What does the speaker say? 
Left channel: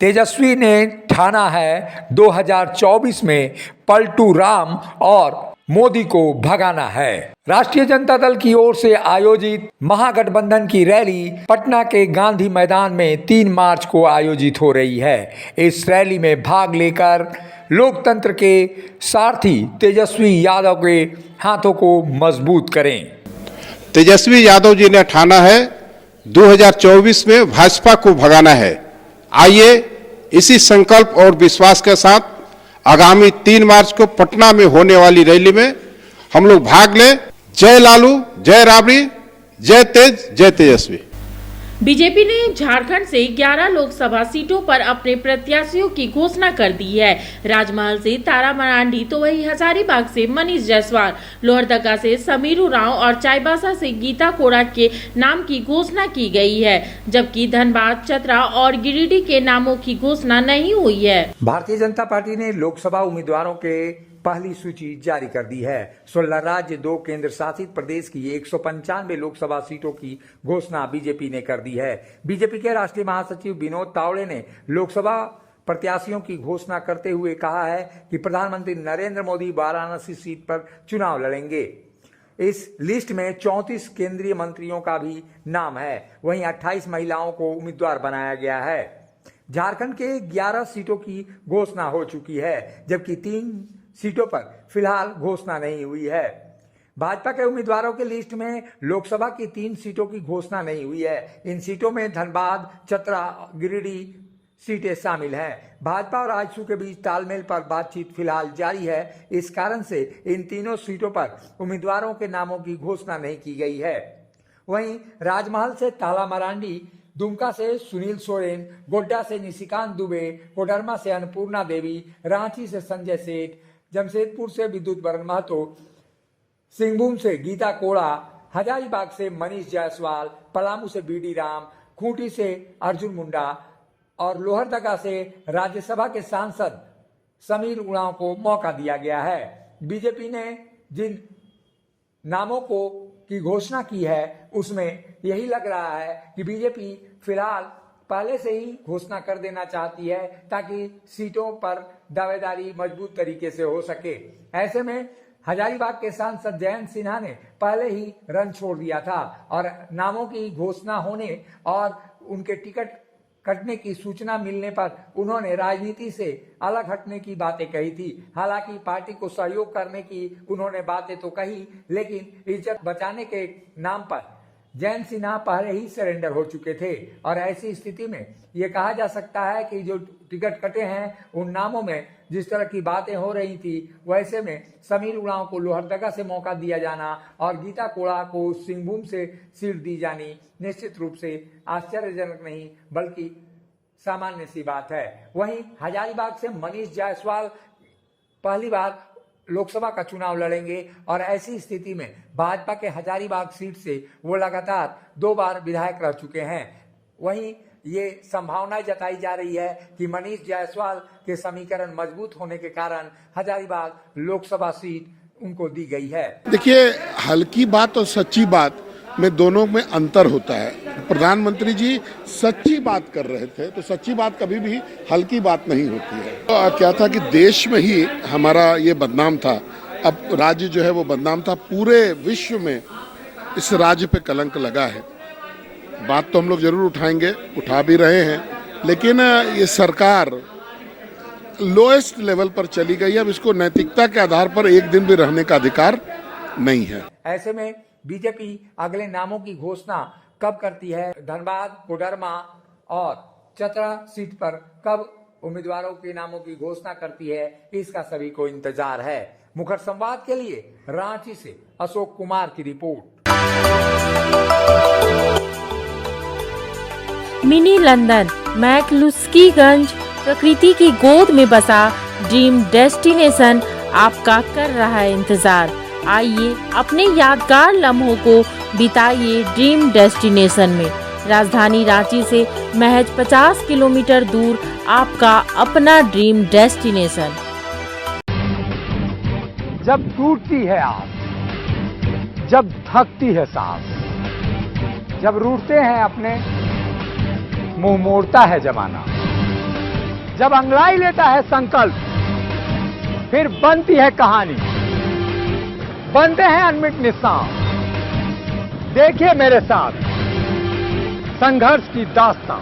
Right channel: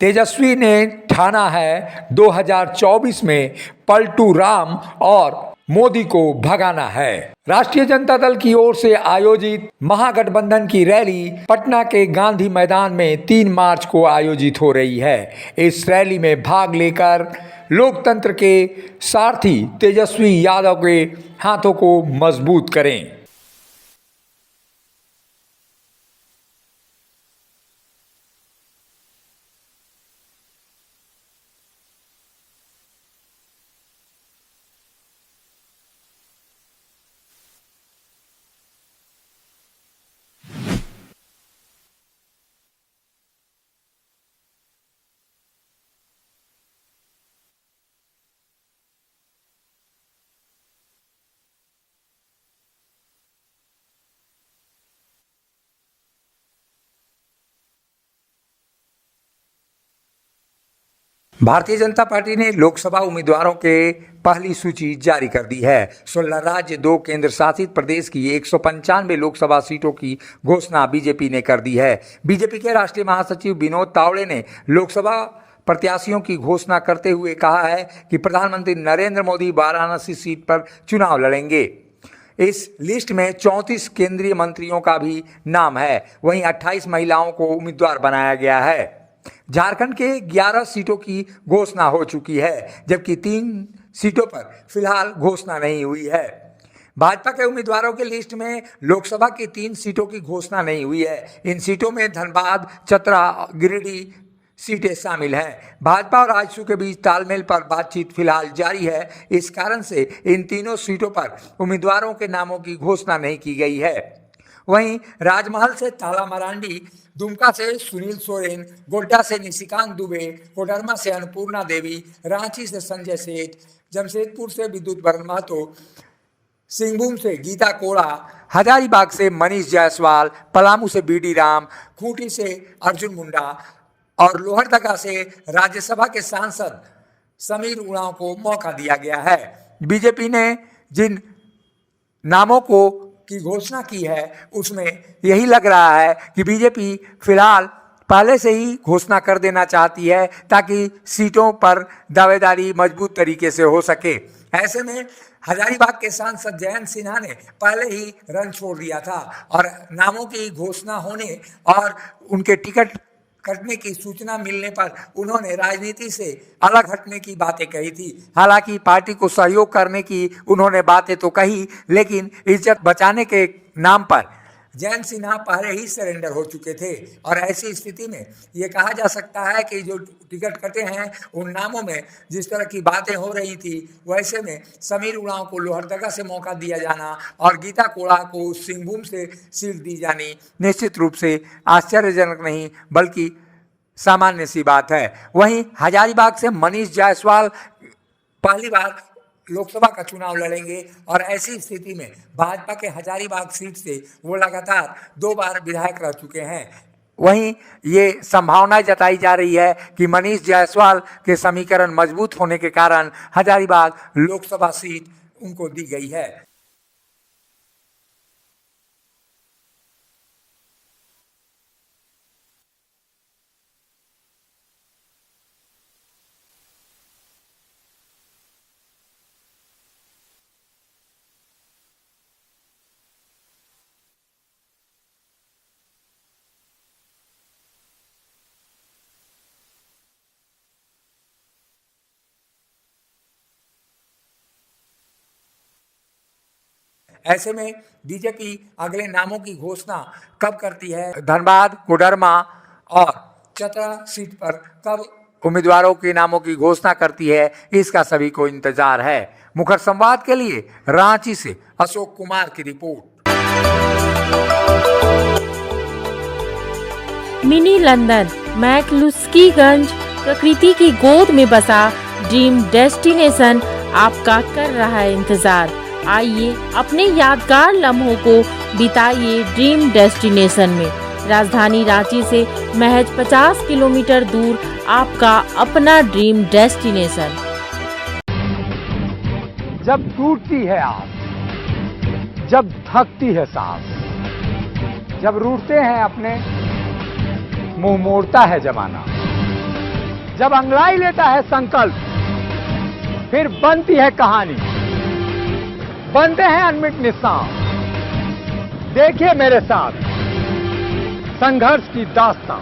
तेजस्वी ने ठाना है 2024 में पलटू राम और मोदी को भगाना है। राष्ट्रीय जनता दल की ओर से आयोजित महागठबंधन की रैली पटना के गांधी मैदान में 3 मार्च को आयोजित हो रही है। इस रैली में भाग लेकर लोकतंत्र के सारथी तेजस्वी यादव के हाथों को मजबूत करें। तेजस्वी यादव जी ने ठाना है 2024 में भाजपा को भगाना है। आइए इसी संकल्प और विश्वास के साथ आगामी 3 मार्च को पटना में होने वाली रैली में हम लोग भाग लें। जय लालू, जय राबड़ी, जय तेज, जय तेजस्वी। बीजेपी ने झारखंड से 11 लोकसभा सीटों पर अपने प्रत्याशियों की घोषणा कर दी है। राजमहल से तारा मरांडी तो वही हजारीबाग से मनीष जायसवाल, लोहरदगा से समीर उरांव और चाईबासा से गीता कोड़ा के नाम की घोषणा की गई है, जबकि धनबाद, चतरा और गिरिडीह के नामों की घोषणा नहीं हुई है। भारतीय जनता पार्टी ने लोकसभा उम्मीदवारों के पहली सूची जारी कर दी है। 16 राज्य, 2 केंद्र शासित प्रदेश की 195 लोकसभा सीटों की घोषणा बीजेपी ने कर दी है। बीजेपी के राष्ट्रीय महासचिव विनोद तावड़े ने लोकसभा प्रत्याशियों की घोषणा करते हुए कहा है कि प्रधानमंत्री नरेंद्र मोदी वाराणसी सीट पर चुनाव लड़ेंगे। इस लिस्ट में 34 केंद्रीय मंत्रियों का भी नाम है। वहीं 28 महिलाओं को उम्मीदवार बनाया गया है। झारखंड के 11 सीटों की घोषणा हो चुकी है, जबकि 3 सीटों पर फिलहाल घोषणा नहीं हुई है। भाजपा के उम्मीदवारों की लिस्ट में लोकसभा की 3 सीटों की घोषणा नहीं हुई है। इन सीटों में धनबाद, चतरा, गिरिडीह सीटें शामिल हैं। भाजपा और आजसू के बीच तालमेल पर बातचीत फिलहाल जारी है। इस कारण से इन तीनों सीटों पर उम्मीदवारों के नामों की घोषणा नहीं की गई है। वहीं राजमहल से ताला मरांडी, दुमका से सुनील सोरेन, गोड्डा से निशिकांत दुबे, कोडरमा से अन्नपूर्णा देवी, रांची से संजय सेठ, जमशेदपुर से विद्युत बरन महतो, सिंहभूम से गीता कोड़ा, हजारीबाग से मनीष जायसवाल, पलामू से बीडी राम, खूंटी से अर्जुन मुंडा और लोहरदगा से राज्यसभा के सांसद समीर उरांव को मौका दिया गया है। बीजेपी ने जिन नामों की घोषणा की है उसमें यही लग रहा है कि बीजेपी फिलहाल पहले से ही घोषणा कर देना चाहती है ताकि सीटों पर दावेदारी मजबूत तरीके से हो सके। ऐसे में हजारीबाग के सांसद जयंत सिन्हा ने पहले ही रन छोड़ दिया था और नामों की घोषणा होने और उनके टिकट कटने की सूचना मिलने पर उन्होंने राजनीति से अलग हटने की बातें कही थी। हालांकि पार्टी को सहयोग करने की उन्होंने बातें तो कही, लेकिन इज्जत बचाने के नाम पर जयंत सिन्हा पहले ही सरेंडर हो चुके थे और ऐसी स्थिति में ये कहा जा सकता है कि जो टिकट कटे हैं उन नामों में जिस तरह की बातें हो रही थी, वैसे में समीर उरांव को लोहरदगा से मौका दिया जाना और गीता कोड़ा को सिंहभूम से सीट दी जानी निश्चित रूप से आश्चर्यजनक नहीं बल्कि सामान्य सी बात है। वहीं हजारीबाग से मनीष जायसवाल पहली बार लोकसभा का चुनाव लड़ेंगे और ऐसी स्थिति में भाजपा के हजारीबाग सीट से वो लगातार 2 बार विधायक रह चुके हैं। वहीं ये संभावना जताई जा रही है कि मनीष जायसवाल के समीकरण मजबूत होने के कारण हजारीबाग लोकसभा सीट उनको दी गई है। देखिए, हल्की बात और सच्ची बात में दोनों में अंतर होता है। प्रधानमंत्री जी सच्ची बात कर रहे थे, तो सच्ची बात कभी भी हल्की बात नहीं होती है। तो क्या था कि देश में ही हमारा ये बदनाम था, अब राज्य जो है वो बदनाम था, पूरे विश्व में इस राज्य पे कलंक लगा है। बात तो हम लोग जरूर उठाएंगे, उठा भी रहे हैं, लेकिन ये सरकार लोएस्ट लेवल पर चली गई। अब इसको नैतिकता के आधार पर एक दिन भी रहने का अधिकार नहीं है। ऐसे में बीजेपी अगले नामों की घोषणा कब करती है, धनबाद, कोडरमा और चतरा सीट पर कब उम्मीदवारों के नामों की घोषणा करती है, इसका सभी को इंतजार है। मुखर संवाद के लिए रांची से अशोक कुमार की रिपोर्ट। मिनी लंदन मैक्लुस्कीगंज प्रकृति की गोद में बसा ड्रीम डेस्टिनेशन आपका कर रहा है इंतजार। आइए अपने यादगार लम्हों को बिताइए ड्रीम डेस्टिनेशन में। राजधानी रांची से महज 50 किलोमीटर दूर आपका अपना ड्रीम डेस्टिनेशन। जब टूटती है आस, जब थकती है सांस, जब रूठते हैं अपने, मुंह मोड़ता है जमाना, जब अंगड़ाई लेता है संकल्प, फिर बनती है कहानी, बनते हैं अनमिट निशान। देखिए मेरे साथ संघर्ष की दास्तां।